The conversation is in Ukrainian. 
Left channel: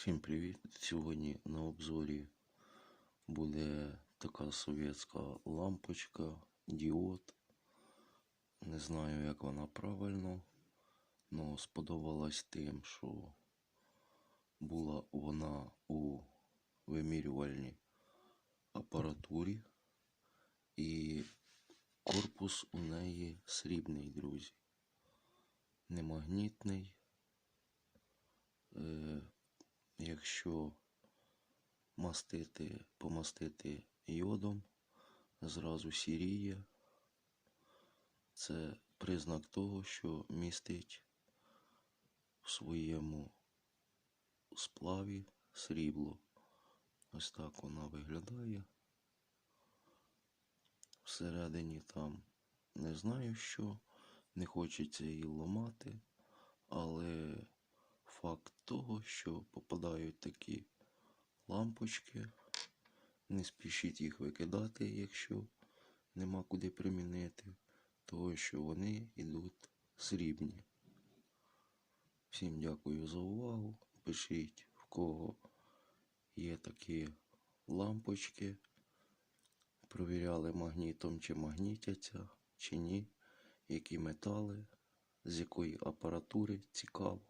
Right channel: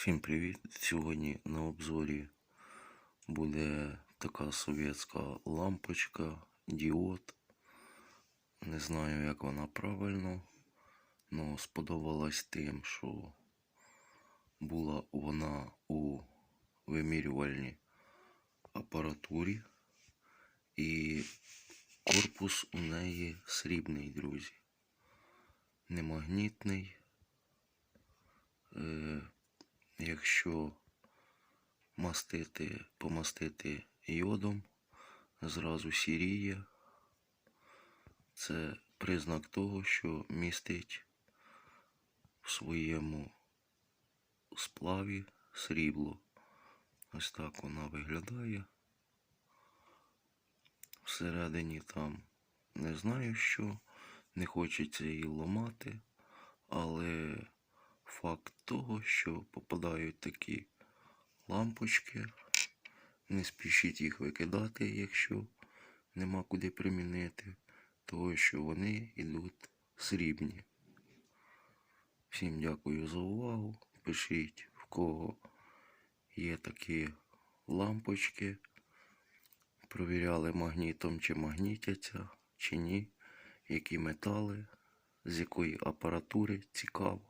Всім привіт! Сьогодні на обзорі буде така совєтська лампочка, діод. Не знаю, як вона правильно, але сподобалась тим, що була вона у вимірювальній апаратурі і корпус у неї срібний, друзі. Не магнітний. Якщо мастити, помастити йодом, зразу сіріє. Це признак того, що містить в своєму сплаві срібло. Ось так вона виглядає. Всередині там не знаю що, не хочеться її ламати, але факт того, що попадають такі лампочки, не спішіть їх викидати, якщо нема куди примінити, того що вони йдуть срібні. Всім дякую за увагу. Пишіть, в кого є такі лампочки. Провіряли магнітом, чи магнітяться, чи ні, які метали, з якої апаратури цікаво.